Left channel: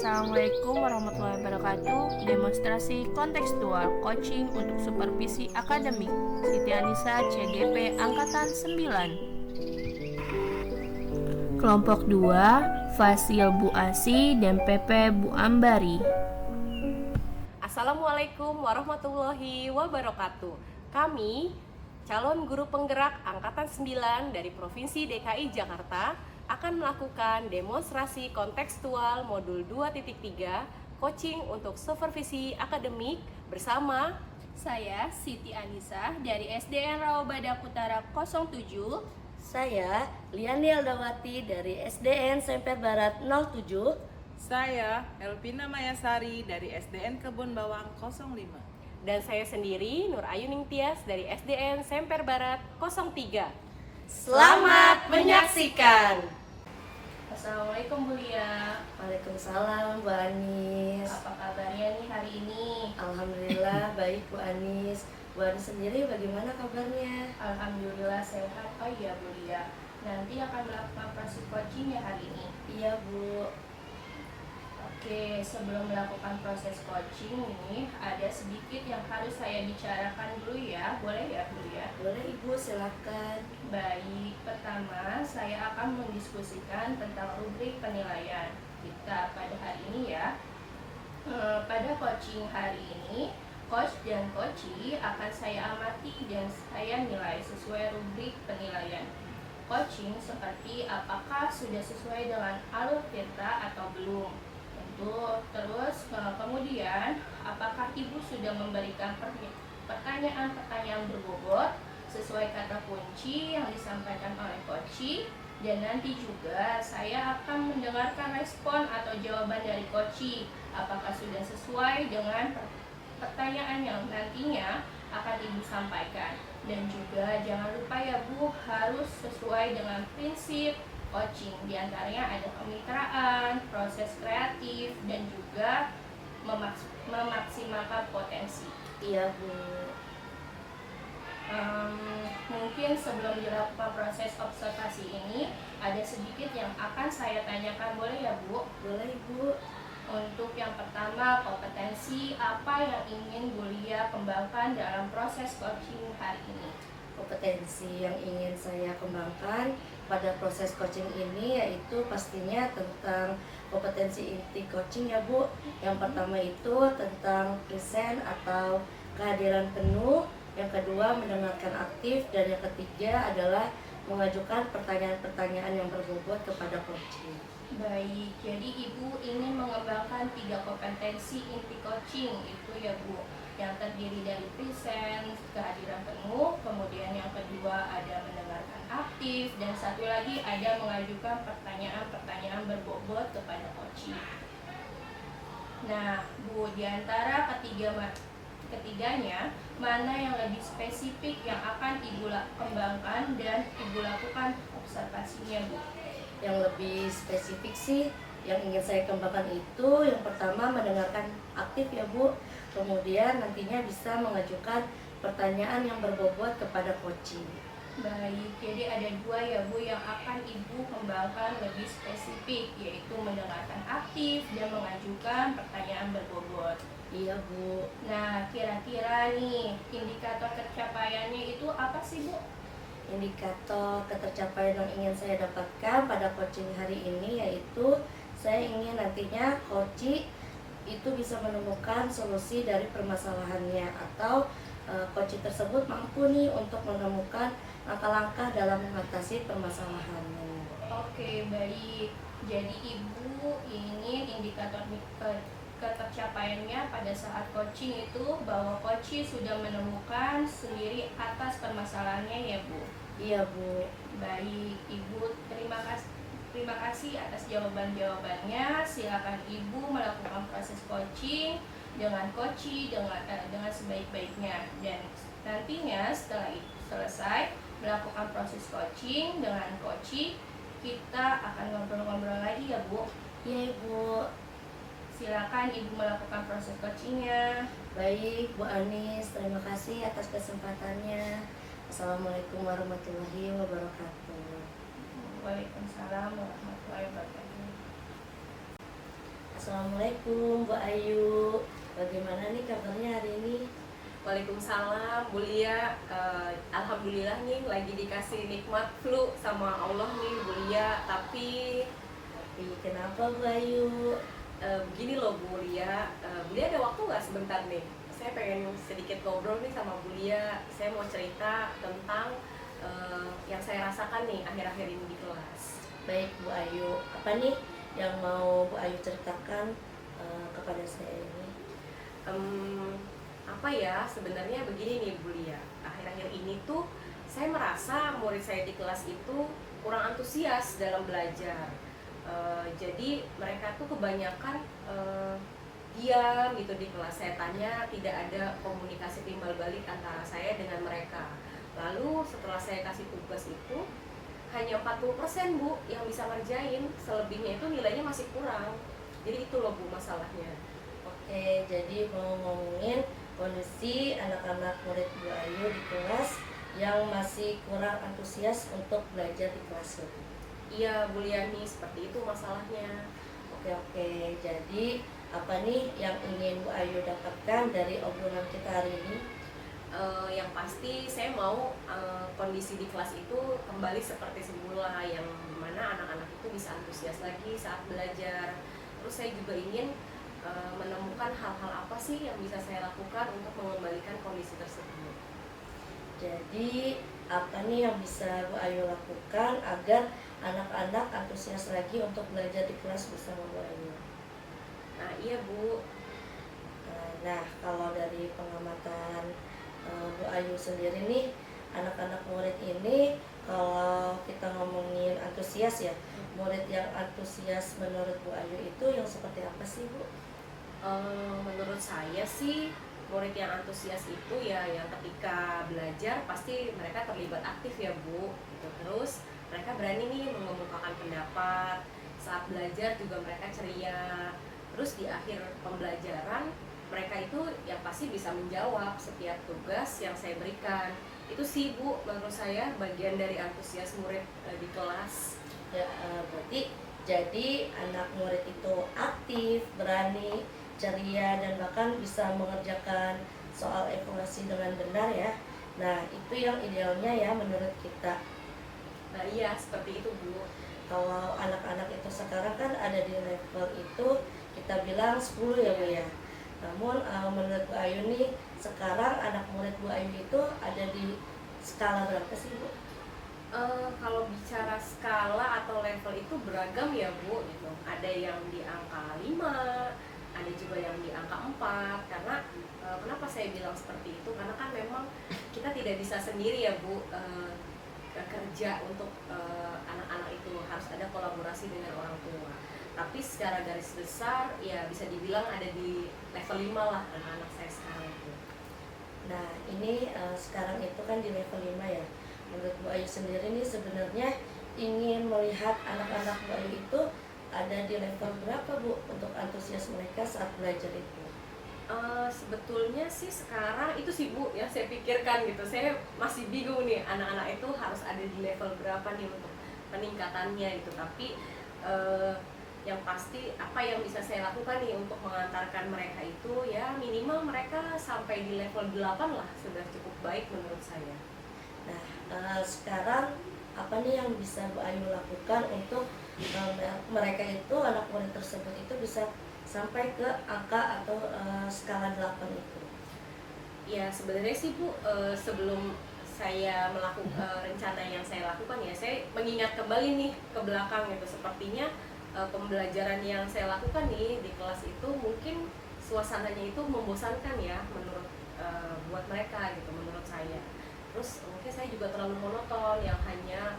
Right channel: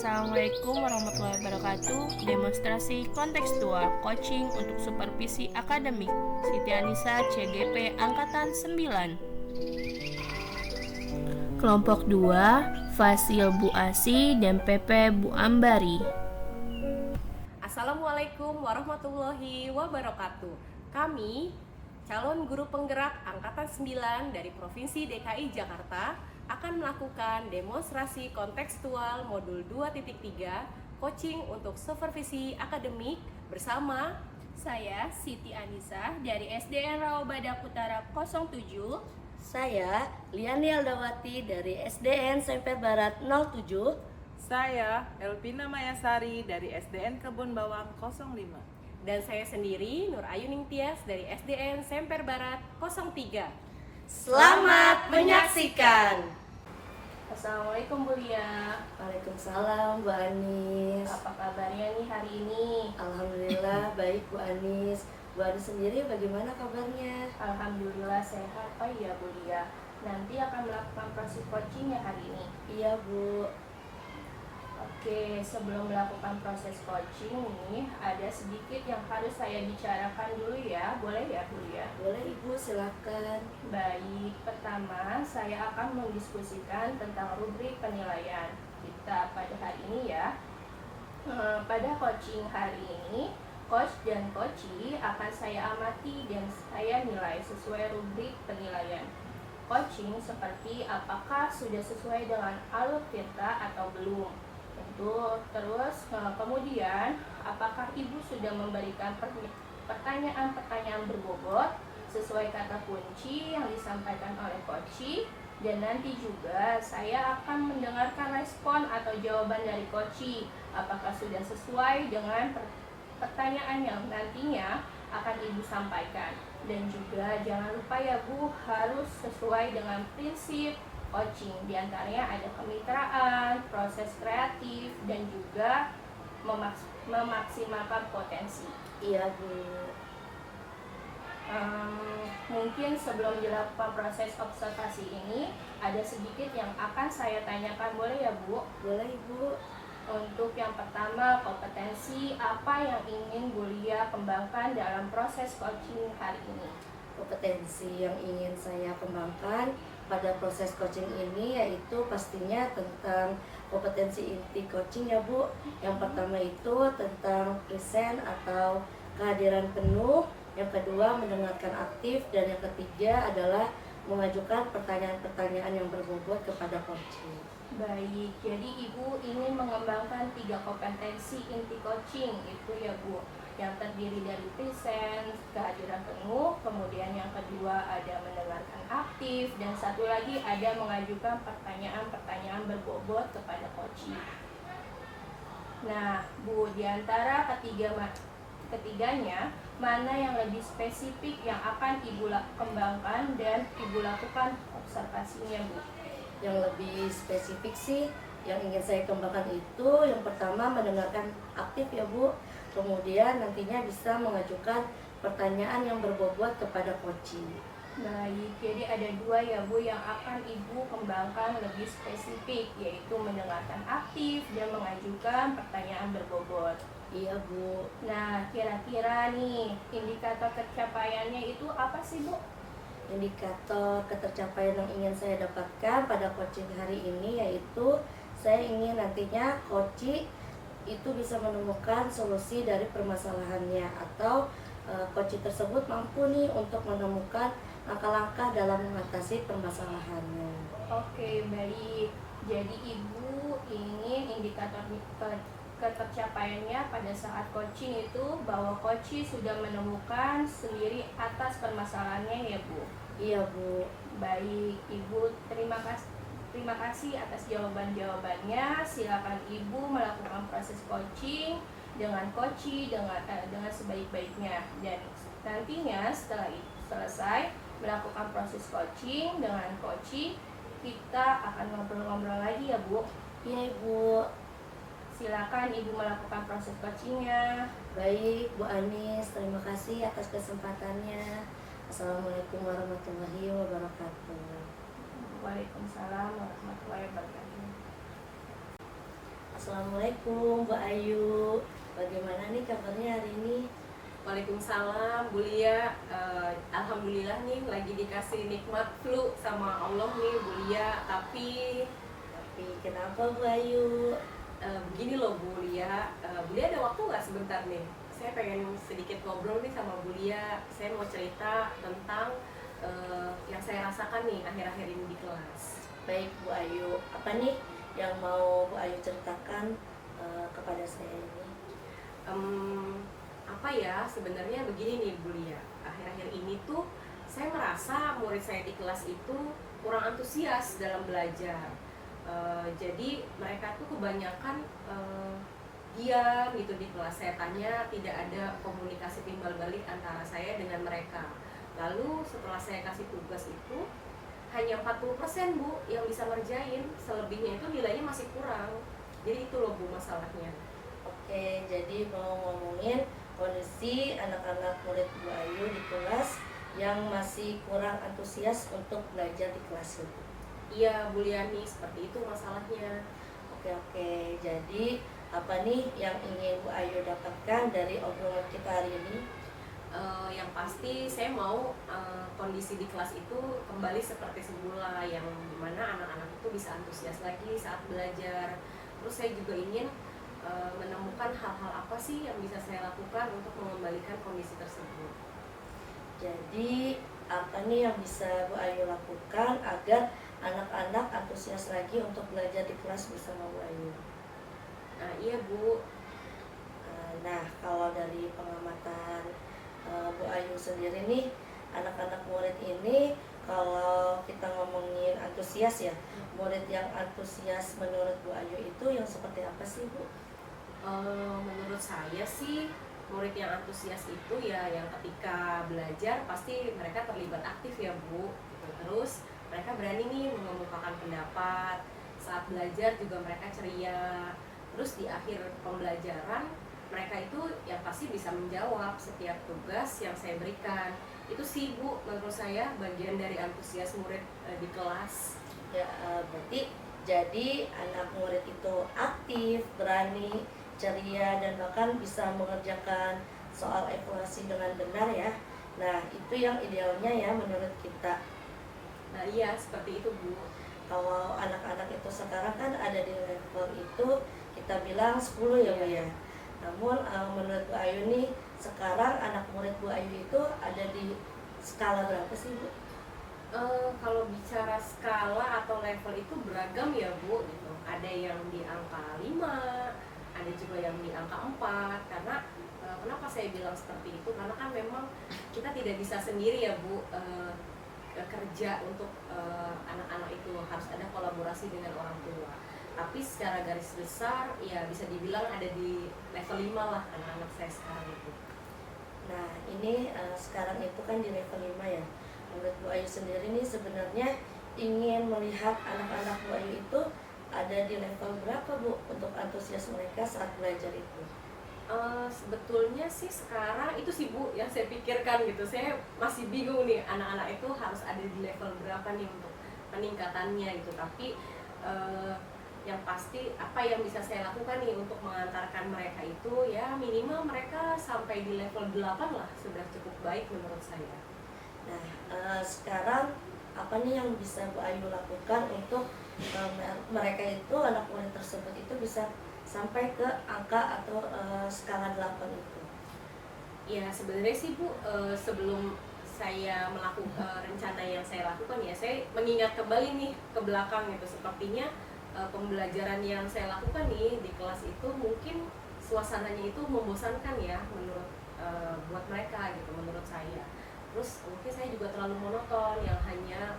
Assalamualaikum warahmatullahi wabarakatuh. Demonstrasi kontekstual coaching untuk supervisi akademik. Siti Anissa, CGP Angkatan 9. Kelompok 2, Fasil Bu Asi dan PP Bu Ambari. Assalamualaikum warahmatullahi wabarakatuh. Kami, calon guru penggerak Angkatan 9 dari Provinsi DKI Jakarta, akan melakukan demonstrasi kontekstual modul 2.3 coaching untuk supervisi akademik bersama Saya Siti Anissa dari SDN Rawabadak Utara 07. Saya Liani Aldawati dari SDN Semper Barat 07. Saya Elvina Mayasari dari SDN Kebun Bawang 05. dan saya sendiri Nur Ayu Ningtyas dari SDN Semper Barat 03. Selamat menyaksikan. Assalamualaikum Bu Lia. Waalaikumsalam Bu Anis. Apa kabarnya nih hari ini? Alhamdulillah baik Bu Anis. Bu Anis sendiri bagaimana kabarnya? Alhamdulillah sehat. Oh iya Bu Lia, nanti akan melakukan proses coaching ya hari ini. Iya Bu. Oke, sebelum melakukan proses coaching nih, ada sedikit yang harus saya bicarakan dulu ya. Boleh ya Bu Lia? Boleh Ibu, silakan. Baik, pertama saya akan mendiskusikan tentang rubrik penilaian kita pada hari ini ya. Pada coaching hari ini, coach dan coachee akan saya amati dan saya nilai sesuai rubrik penilaian. Coaching seperti apakah sudah sesuai dengan alur tirta atau belum. Terus kemudian apakah ibu sudah memberikan pertanyaan-pertanyaan berbobot sesuai kata kunci yang disampaikan oleh coachee, dan nanti juga saya akan mendengarkan respon atau jawaban dari coachee apakah sudah sesuai dengan pertanyaan yang nantinya akan ibu sampaikan. Dan juga jangan lupa ya Bu, harus sesuai dengan prinsip coaching. Di antaranya ada kemitraan, proses kreatif, dan juga memaksimalkan potensi. Iya Bu. Mungkin sebelum dilakukan proses observasi ini, ada sedikit yang akan saya tanyakan, boleh ya Bu? Boleh Ibu. Untuk yang pertama, kompetensi apa yang ingin Bu Lia kembangkan dalam proses coaching hari ini? Kompetensi yang ingin saya kembangkan pada proses coaching ini yaitu pastinya tentang kompetensi inti coaching ya Bu. Yang pertama itu tentang present atau kehadiran penuh, yang kedua mendengarkan aktif, dan yang ketiga adalah mengajukan pertanyaan-pertanyaan yang berbobot kepada coaching. Baik, jadi Ibu ingin mengembangkan 3 kompetensi inti coaching itu ya Bu, yang terdiri dari present, kehadiran penuh, kemudian yang kedua ada mendengarkan aktif, dan satu lagi ada mengajukan pertanyaan-pertanyaan berbobot kepada coaching. Nah Bu, diantara ketiganya, mana yang lebih spesifik yang akan Ibu kembangkan dan Ibu lakukan observasinya Bu? Yang lebih spesifik sih yang ingin saya kembangkan itu yang pertama mendengarkan aktif ya Bu, kemudian nantinya bisa mengajukan pertanyaan yang berbobot kepada coaching. Baik, jadi ada 2 ya Bu yang akan Ibu kembangkan lebih spesifik, yaitu mendengarkan aktif dan mengajukan pertanyaan berbobot. Iya Bu. Nah, kira-kira nih indikator pencapaiannya itu apa sih Bu? Indikator ketercapaian yang ingin saya dapatkan pada coaching hari ini yaitu saya ingin nantinya coaching itu bisa menemukan solusi dari permasalahannya, atau coaching tersebut mampu nih untuk menemukan langkah-langkah dalam mengatasi permasalahannya. Oke, baik. Jadi Ibu ingin indikator ketercapaiannya pada saat coaching itu bahwa coaching sudah menemukan sendiri atas permasalahannya ya Bu? Iya Bu. Baik, Ibu terima kasih atas jawaban-jawabannya. Silakan Ibu melakukan proses coaching dengan coaching dengan sebaik-baiknya, dan nantinya setelah selesai melakukan proses coaching dengan coaching, kita akan ngobrol-ngobrol lagi ya Bu. Iya Ibu. Silakan Ibu melakukan proses coachingnya. Baik Bu Anis, terima kasih atas kesempatannya. Assalamualaikum warahmatullahi wabarakatuh. Waalaikumsalam warahmatullahi wabarakatuh. Assalamualaikum Bu Ayu. Bagaimana nih kabarnya hari ini? Waalaikumsalam, Bu Lia. Alhamdulillah nih lagi dikasih nikmat flu sama Allah nih Bu Lia. Tapi Kenapa Bu Ayu? begini loh Bu Lia. Bu Lia ada waktu nggak sebentar nih? Saya pengen sedikit ngobrol nih sama Bu Lia. Saya mau cerita tentang yang saya rasakan nih akhir-akhir ini di kelas. Baik Bu Ayu, apa nih yang mau Bu Ayu ceritakan kepada saya ini? Apa ya, sebenarnya begini nih Bu Lia. Akhir-akhir ini tuh saya merasa murid saya di kelas itu kurang antusias dalam belajar. Jadi mereka tuh kebanyakan diam gitu di kelas. Saya tanya, tidak ada komunikasi timbal balik antara saya dengan mereka. Lalu setelah saya kasih tugas itu hanya 40% Bu yang bisa ngerjain, selebihnya itu nilainya masih kurang. Jadi itu loh Bu masalahnya. Oke, jadi mau ngomongin kondisi anak-anak murid Bu Ayu di kelas yang masih kurang antusias untuk belajar di kelas itu. Iya Bu Liani, seperti itu masalahnya. Oke, jadi apa nih yang ingin Bu Ayu dapatkan dari obrolan kita hari ini? Yang pasti saya mau kondisi di kelas itu kembali seperti semula, yang dimana anak-anak itu bisa antusias lagi saat belajar. Terus saya juga ingin menemukan hal-hal apa sih yang bisa saya lakukan untuk mengembalikan kondisi tersebut. Jadi apa nih yang bisa Bu Ayu lakukan agar anak-anak antusias lagi untuk belajar di kelas bersama Bu Ayu? Nah iya Bu. Nah, kalau dari pengamatan Bu Ayu sendiri nih, anak-anak murid ini kalau kita ngomongin antusias ya, murid yang antusias menurut Bu Ayu itu yang seperti apa sih Bu? Menurut saya sih murid yang antusias itu ya yang ketika belajar pasti mereka terlibat aktif ya Bu gitu. Terus mereka berani nih mengemukakan pendapat, saat belajar juga mereka ceria. Terus di akhir pembelajaran mereka itu yang pasti bisa menjawab setiap tugas yang saya berikan. Itu sih Bu menurut saya bagian dari antusias murid di kelas. Ya, berarti jadi anak murid itu aktif, berani, ceria, dan bahkan bisa mengerjakan soal evaluasi dengan benar ya. Nah, itu yang idealnya ya menurut kita. Nah iya seperti itu Bu. Kalau anak-anak itu sekarang kan ada di level itu kita bilang 10 ya Bu ya. Namun menurut Bu Ayu nih, sekarang anak murid Bu Ayu itu ada di skala berapa sih Bu? Kalau bicara skala atau level itu beragam ya Bu gitu. Ada yang di angka 5, ada juga yang di angka 4. Karena kenapa saya bilang seperti itu? Karena kan memang kita tidak bisa sendiri ya Bu kerja untuk anak-anak itu, harus ada kolaborasi dengan orang tua. Tapi secara garis besar ya bisa dibilang ada di level 5 lah anak-anak saya sekarang itu. Nah, ini sekarang itu kan di level 5 ya. Menurut Bu Ayu sendiri nih sebenarnya ingin melihat anak-anak Bu Ayu itu ada di level berapa Bu untuk antusias mereka saat belajar itu? Sebetulnya sih sekarang itu sih Bu yang saya pikirkan gitu. Saya masih bingung nih anak-anak itu harus ada di level berapa nih untuk peningkatannya gitu. Tapi yang pasti apa yang bisa saya lakukan nih untuk mengantarkan mereka itu ya minimal mereka sampai di level 8 lah sudah cukup baik menurut saya. Nah, sekarang apa nih yang bisa Bu Ayu lakukan untuk mereka itu, anak murid tersebut itu bisa sampai ke angka atau skala 8 itu? Ya sebenarnya sih Bu, sebelum saya melakukan rencana yang saya lakukan ya saya mengingat kembali nih ke belakang gitu. Sepertinya pembelajaran yang saya lakukan nih di kelas itu mungkin suasananya itu membosankan ya menurut buat mereka gitu, menurut saya. Terus mungkin saya juga terlalu monoton yang hanya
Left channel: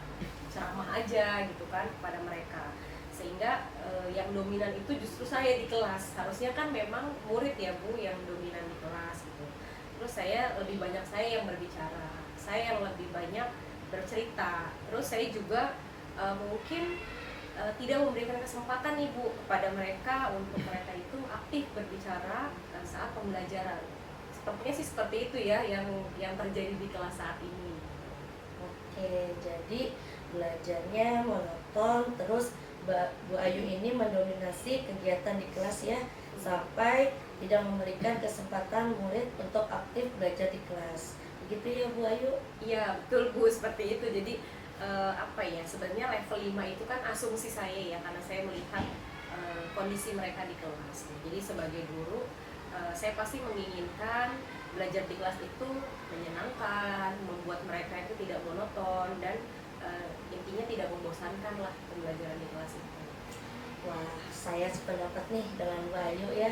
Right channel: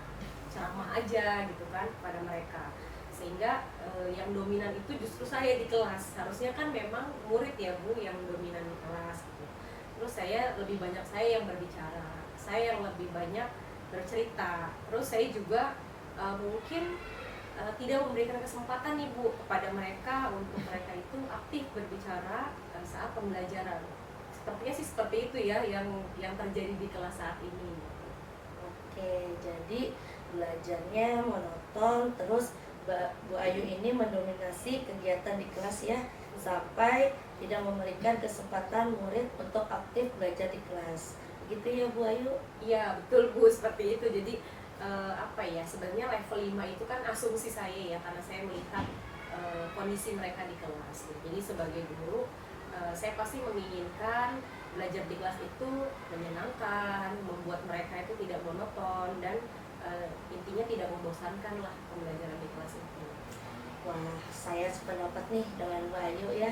ceramah aja gitu kan kepada mereka, sehingga yang dominan itu justru saya di kelas. Harusnya kan memang murid ya Bu yang dominan di kelas gitu. Terus saya lebih banyak saya yang berbicara, saya yang lebih banyak bercerita. Terus saya juga mungkin tidak memberikan kesempatan nih Bu kepada mereka untuk mereka itu aktif berbicara saat pembelajaran. Sepertinya sih seperti itu ya yang terjadi di kelas saat ini. Oke, jadi belajarnya monoton, terus Bu Ayu ini mendominasi kegiatan di kelas ya, sampai tidak memberikan kesempatan murid untuk aktif belajar di kelas. Begitu ya Bu Ayu? Iya betul Bu, seperti itu. Jadi apa ya, sebenarnya level 5 itu kan asumsi saya ya, karena saya melihat kondisi mereka di kelas. Jadi sebagai guru saya pasti menginginkan belajar di kelas itu menyenangkan, membuat mereka itu tidak monoton, dan intinya tidak membosankan lah pembelajaran di kelas itu. Wah, saya sependapat nih dengan Bu Ayu ya.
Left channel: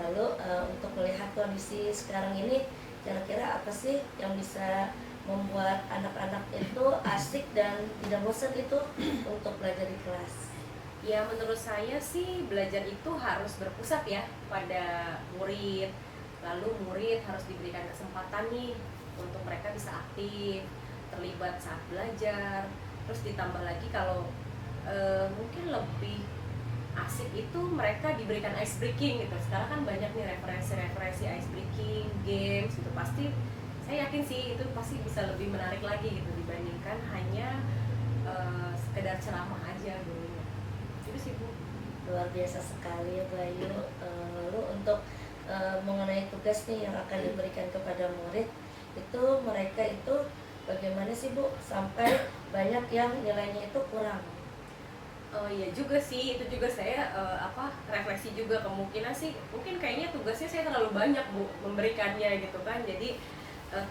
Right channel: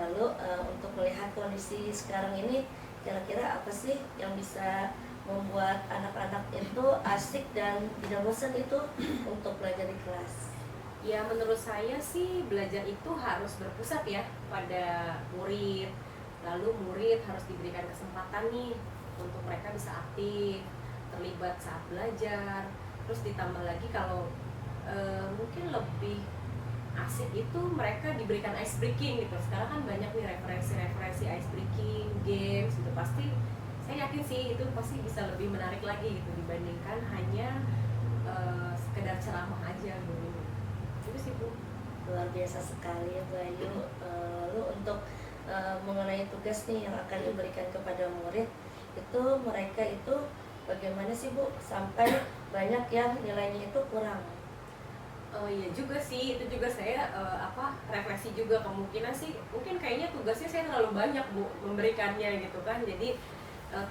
Lalu untuk melihat kondisi sekarang ini, kira-kira apa sih yang bisa membuat anak-anak itu asik dan tidak bosan itu untuk belajar di kelas? Ya menurut saya sih belajar itu harus berpusat ya pada murid. Lalu murid harus diberikan kesempatan nih untuk mereka bisa aktif, terlibat saat belajar. Terus ditambah lagi kalau mungkin lebih asik itu mereka diberikan ice breaking gitu. Sekarang kan banyak nih referensi ice breaking, games gitu. Pasti saya yakin sih itu pasti bisa lebih menarik lagi gitu dibandingkan hanya sekedar ceramah aja dulu. Itu sih Bu. Luar biasa sekali ya Bu Ayu. Lalu untuk mengenai tugas nih yang akan diberikan kepada murid, itu mereka itu bagaimana sih Bu sampai banyak yang nilainya itu kurang? Oh iya juga sih, itu juga saya refleksi juga, kemungkinan sih mungkin kayaknya tugasnya saya terlalu banyak Bu memberikannya gitu kan. Jadi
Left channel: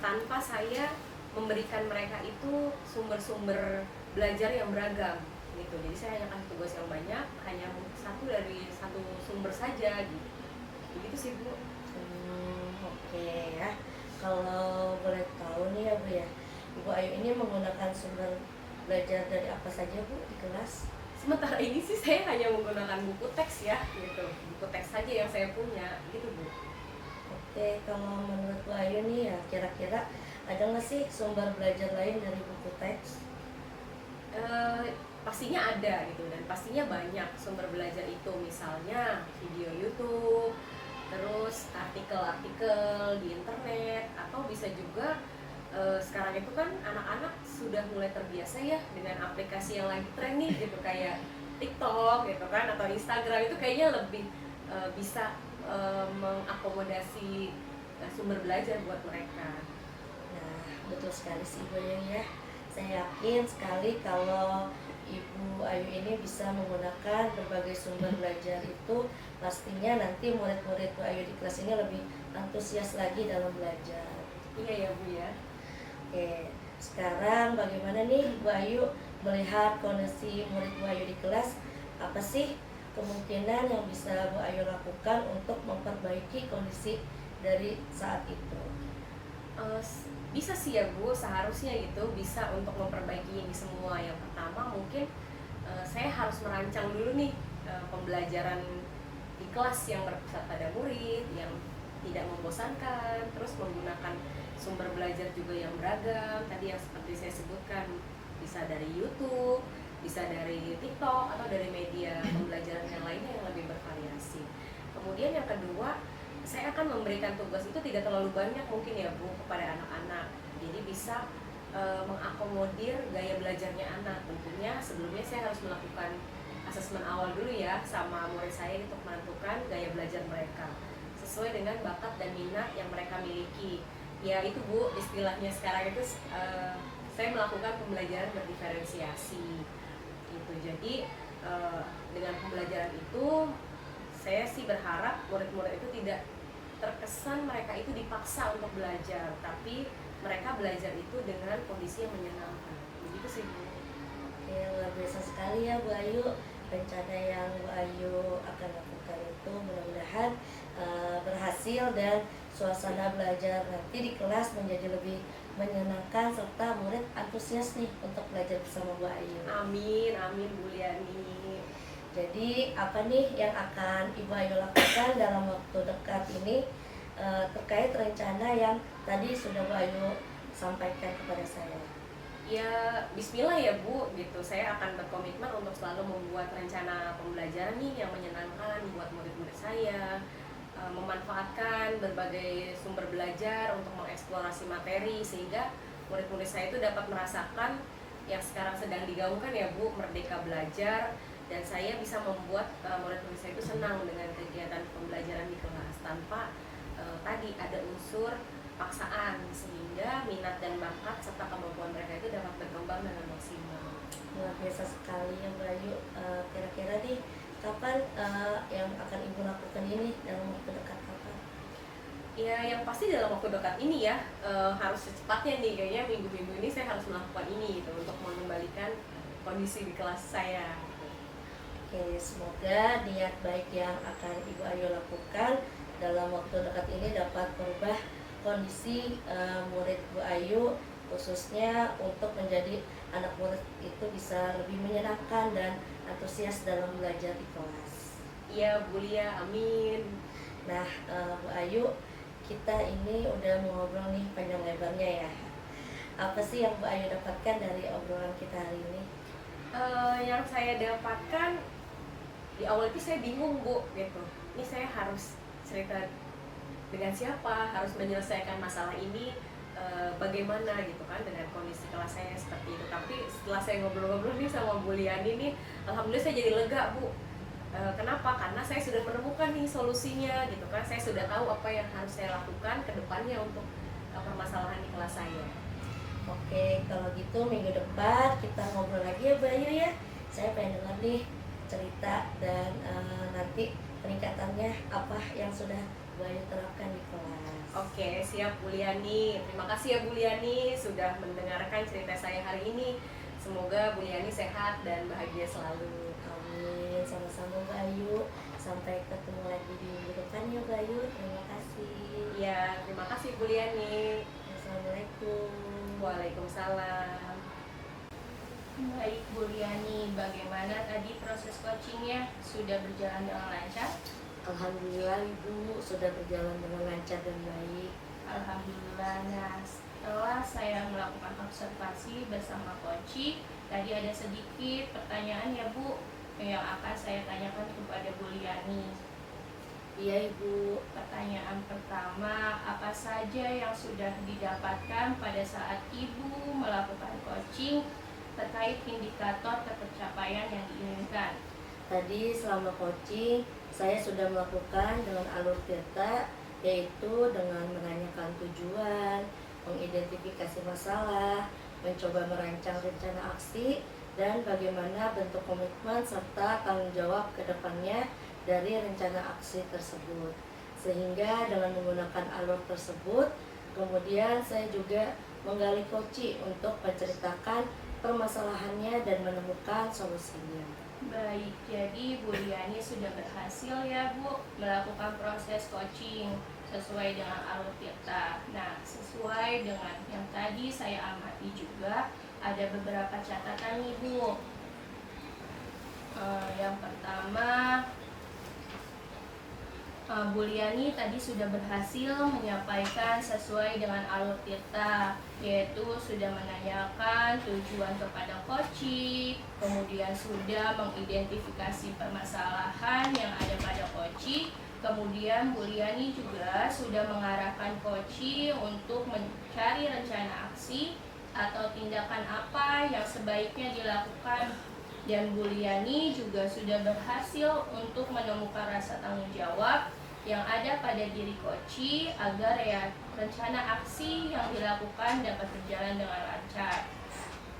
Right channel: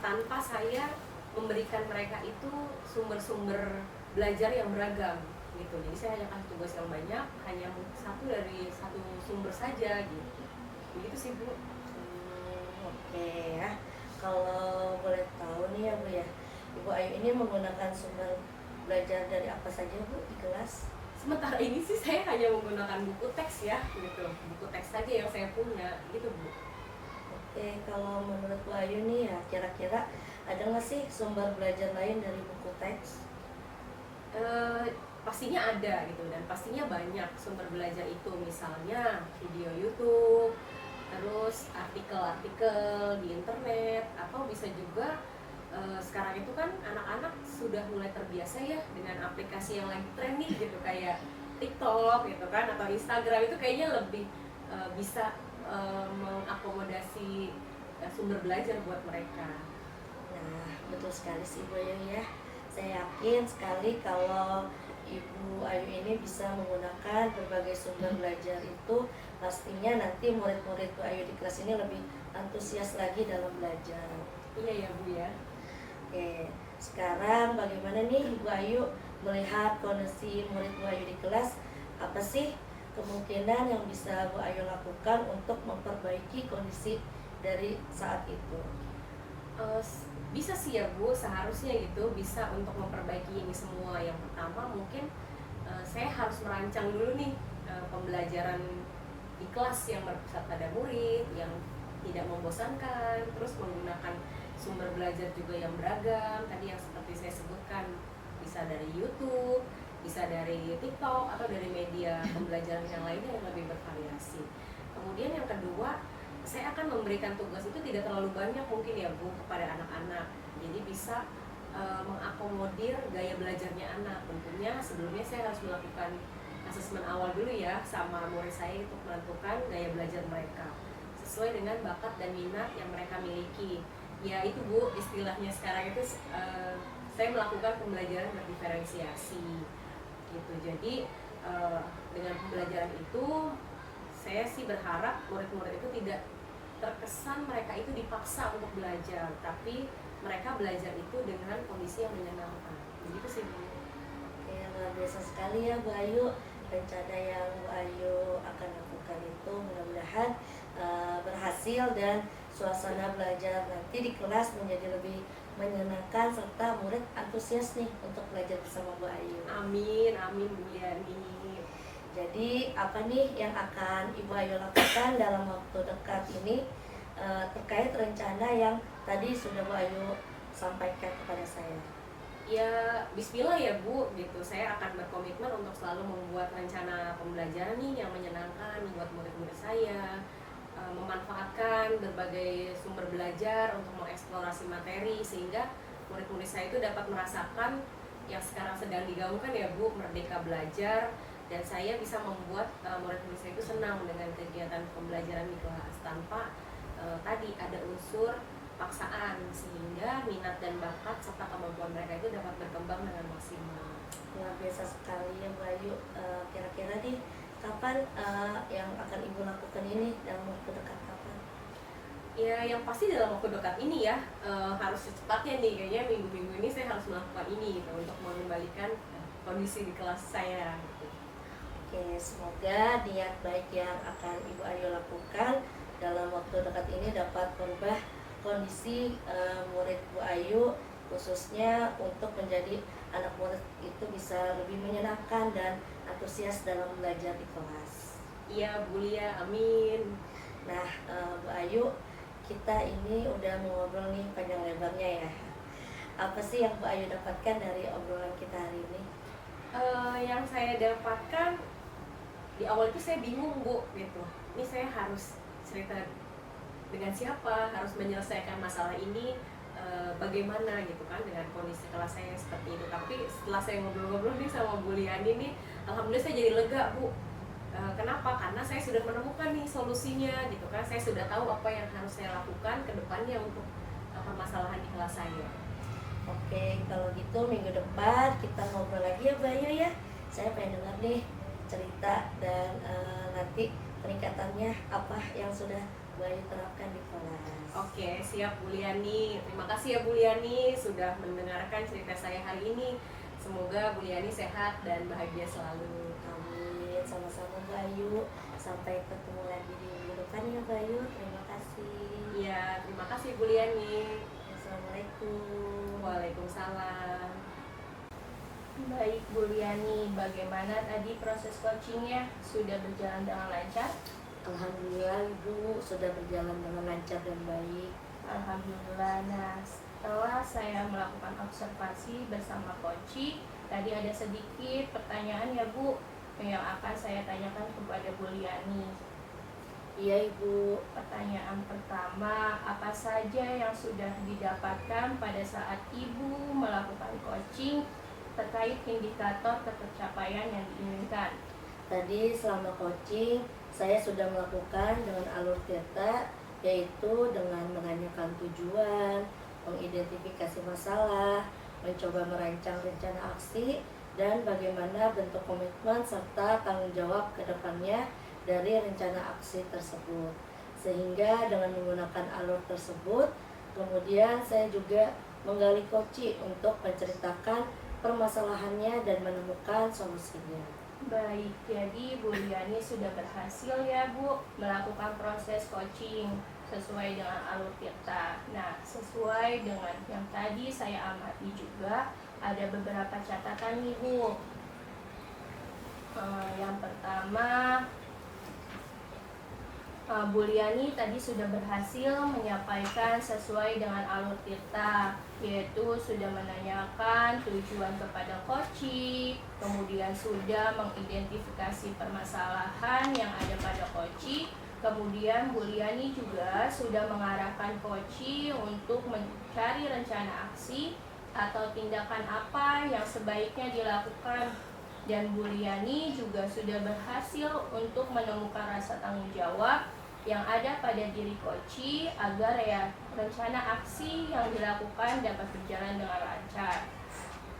tanpa saya memberikan mereka itu sumber-sumber belajar yang beragam gitu. Jadi saya hanya kasih tugas yang banyak, hanya satu dari satu sumber saja gitu. Begitu sih Bu. Oke ya. Kalau boleh tahu nih ya Bu ya, Ibu Ayu ini menggunakan sumber belajar dari apa saja Bu di kelas? Sementara ini sih saya hanya menggunakan buku teks ya gitu. Buku teks saja yang saya punya gitu Bu. Oke, kalau menurut Bu Ayu nih ya, kira-kira ada nggak sih sumber belajar lain dari buku teks? Pastinya ada gitu, dan pastinya banyak sumber belajar itu, misalnya video YouTube, terus artikel-artikel di internet, atau bisa juga sekarang itu kan anak-anak sudah mulai terbiasa ya dengan aplikasi yang lagi tren nih gitu, kayak TikTok gitu kan, atau Instagram. Itu kayaknya lebih bisa mengakomodasi sumber belajar buat mereka. Nah, betul sekali sih Bu Ayu ya. Saya yakin sekali kalau Ibu Ayu ini bisa menggunakan berbagai sumber belajar itu, pastinya nanti murid-murid Bu Ayu di kelas ini lebih antusias lagi dalam belajar. Iya ya Bu ya. Oke, sekarang bagaimana nih Bu Ayu melihat kondisi murid Bu Ayu di kelas? Apa sih kemungkinan yang bisa Bu Ayu lakukan untuk memperbaiki kondisi dari saat itu? Bisa sih ya Bu, seharusnya gitu bisa untuk memperbaiki ini semua. Yang pertama mungkin saya harus merancang dulu nih pembelajaran di kelas yang berpusat pada murid, yang tidak membosankan, terus menggunakan sumber belajar juga yang beragam. Tadi yang seperti saya sebutkan, bisa dari YouTube, bisa dari TikTok, atau dari media pembelajaran yang lainnya yang lebih bervariasi. Kemudian yang kedua, saya akan memberikan tugas itu tidak terlalu banyak mungkin ya Bu kepada anak-anak. Jadi bisa mengakomodir gaya belajarnya anak. Tentunya sebelumnya saya harus melakukan asesmen awal dulu ya sama murid saya untuk menentukan gaya belajar mereka sesuai dengan bakat dan minat yang mereka miliki. Ya itu Bu, istilahnya sekarang itu saya melakukan pembelajaran berdiferensiasi gitu. Jadi dengan pembelajaran itu saya sih berharap murid-murid itu tidak terkesan mereka itu dipaksa untuk belajar, tapi mereka belajar itu dengan kondisi yang menyenangkan. Begitu sih Bu. Ya, luar biasa sekali ya Bu Ayu. Rencana yang Bu Ayu akan lakukan itu mudah-mudahan berhasil, dan suasana belajar nanti di kelas menjadi lebih menyenangkan serta murid antusias nih untuk belajar bersama Bu Ayu. Amin, amin Bu Liani. Jadi apa nih yang akan Ibu Ayu lakukan dalam waktu dekat ini terkait rencana yang tadi sudah Bu Ayu sampaikan kepada saya? Ya bismillah ya Bu gitu. Saya akan berkomitmen untuk selalu membuat rencana pembelajaran nih yang menyenangkan buat murid-murid saya, memanfaatkan berbagai sumber belajar untuk mengeksplorasi materi sehingga murid-murid saya itu dapat merasakan yang sekarang sedang digaungkan ya Bu, merdeka belajar, dan saya bisa membuat murid-murid saya itu senang dengan kegiatan pembelajaran di kelas tanpa tadi ada unsur paksaan, sehingga minat dan bakat serta kemampuan mereka itu dapat berkembang dengan maksimal. Luar biasa sekali ya Mbak Ayu. Kira-kira nih kapan yang akan Ibu lakukan ini, dalam waktu dekat kapan? Ya, yang pasti dalam waktu dekat ini ya, harus secepatnya nih, kayaknya minggu-minggu ini saya harus melakukan ini gitu, untuk mengembalikan kondisi di kelas saya gitu. Oke, semoga niat baik yang akan Ibu Ayu lakukan dalam waktu dekat ini dapat merubah kondisi murid Bu Ayu, khususnya untuk menjadi anak murid itu bisa lebih menyenangkan dan antusias dalam belajar di kelas. Iya Bu Lia, amin. Nah, Bu Ayu, kita ini udah mengobrol nih panjang lebarnya ya. Apa sih yang Bu Ayu dapatkan dari obrolan kita hari ini? Yang saya dapatkan di awal itu saya bingung Bu gitu, ini saya harus cerita dengan siapa, harus menyelesaikan masalah ini bagaimana gitu kan dengan kondisi kelas saya seperti itu. Tapi setelah saya ngobrol-ngobrol nih sama Bu Liani nih, alhamdulillah saya jadi lega Bu. Kenapa? Karena saya sudah menemukan nih solusinya gitu kan, saya sudah tahu apa yang harus saya lakukan ke depannya untuk permasalahan di kelas saya. Oke, kalau gitu minggu depan kita ngobrol lagi ya Bayu ya. Saya pengen dengar nih cerita dan nanti peningkatannya apa yang sudah Bayu terapkan di kelas. Oke, siap Bu Liani. Terima kasih ya Bu Liani sudah mendengarkan cerita saya hari ini. Semoga Bu Liani sehat dan bahagia selalu. Amin, sama-sama Bayu. Sampai ketemu lagi di minggu depan ya Bayu. Terima kasih. Iya, terima kasih Bu Liani. Assalamualaikum. Waalaikumsalam. Baik Bu Liani, bagaimana tadi proses coachingnya? Sudah berjalan dengan lancar? Alhamdulillah Ibu sudah berjalan dengan lancar dan baik. Alhamdulillah. Nah, setelah saya melakukan observasi bersama Koci, tadi ada sedikit pertanyaan ya Bu yang akan saya tanyakan kepada Bu Liani. Iya Ibu. Pertanyaan pertama, apa saja yang sudah didapatkan pada saat Ibu melakukan coaching terkait indikator tercapaian yang diinginkan? Tadi selama coaching saya sudah melakukan dengan alur data, yaitu dengan menanyakan tujuan, mengidentifikasi masalah, mencoba merancang rencana aksi, dan bagaimana bentuk komitmen serta tanggung jawab ke depannya dari rencana aksi tersebut. Sehingga dengan menggunakan alur tersebut, kemudian saya juga menggali Koci untuk menceritakan permasalahannya dan menemukan solusinya. Baik, jadi Bu Liani sudah berhasil ya Bu melakukan proses coaching sesuai dengan alur kita. Nah, sesuai dengan yang tadi saya amati juga ada beberapa catatan nih Bu. Yang pertama, Bu Liani tadi sudah berhasil menyampaikan sesuai dengan alur kita, yaitu sudah menanyakan tujuan kepada Koci, kemudian sudah mengidentifikasi permasalahan yang ada pada Koci, kemudian Bu Liani juga sudah mengarahkan Koci untuk mencari rencana aksi atau tindakan apa yang sebaiknya dilakukan. Dan Bu Liani juga sudah berhasil untuk menemukan rasa tanggung jawab yang ada pada diri Koci agar ya rencana aksi yang dilakukan dapat berjalan dengan lancar.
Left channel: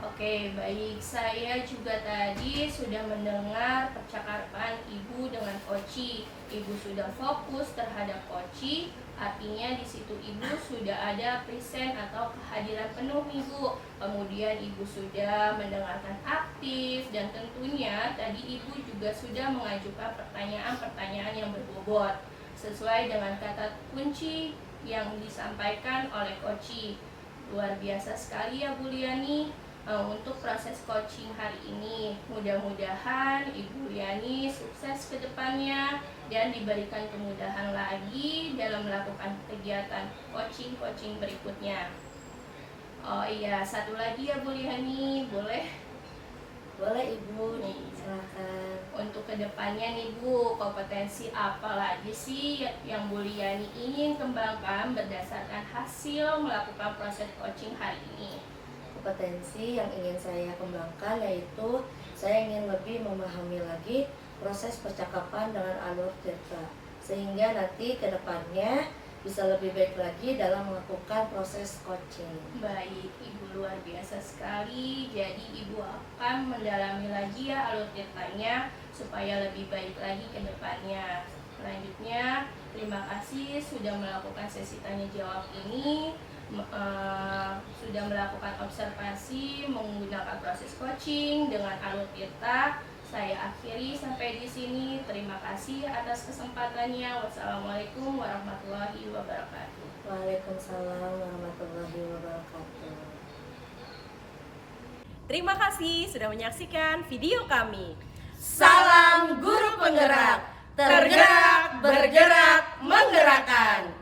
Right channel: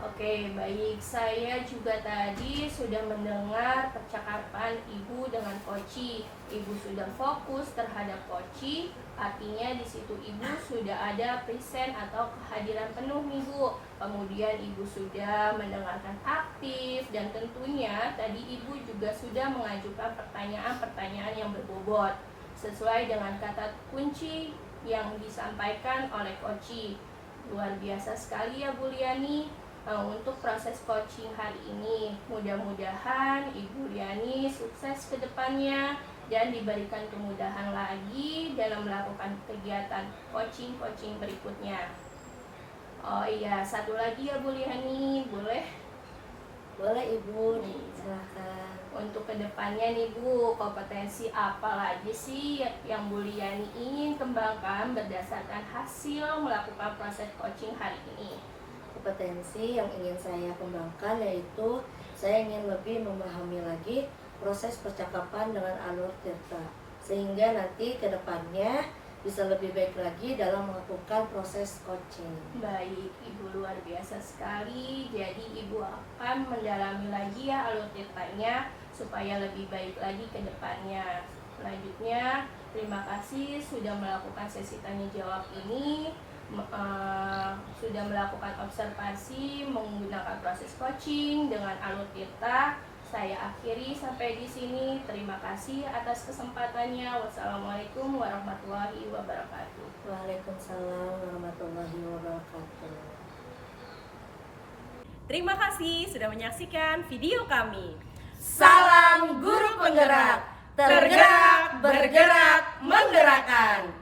Oke, baik. Saya juga tadi sudah mendengar percakapan Ibu dengan Koci. Ibu sudah fokus terhadap Koci, artinya di situ Ibu sudah ada present atau kehadiran penuh Ibu. Kemudian Ibu sudah mendengarkan aktif dan tentunya tadi Ibu juga sudah mengajukan pertanyaan-pertanyaan yang berbobot sesuai dengan kata kunci yang disampaikan oleh Koci. Luar biasa sekali ya Bu Liani. Untuk proses coaching hari ini, mudah-mudahan Ibu Liani sukses ke depannya dan diberikan kemudahan lagi dalam melakukan kegiatan coaching berikutnya. Oh iya, satu lagi ya Bu Liani, boleh? Boleh Ibu, silakan. Untuk kedepannya nih Bu, kompetensi apa lagi sih yang Bu Liani ingin kembangkan berdasarkan hasil melakukan proses coaching hari ini? kompetensi yang ingin saya kembangkan, yaitu saya ingin lebih memahami lagi proses percakapan dengan alur tirta, sehingga nanti ke depannya bisa lebih baik lagi dalam melakukan proses coaching. Baik, Ibu luar biasa sekali. Jadi Ibu akan mendalami lagi ya alur tirtanya supaya lebih baik lagi ke depannya. Selanjutnya, terima kasih sudah melakukan sesi tanya jawab ini, sudah melakukan observasi menggunakan proses coaching dengan alur tirta. Saya akhiri sampai di sini. Terima kasih atas kesempatannya. Wassalamualaikum warahmatullahi wabarakatuh. Waalaikumsalam warahmatullahi wabarakatuh. Terima kasih sudah menyaksikan video kami. Salam guru penggerak, tergerak, bergerak, menggerakkan.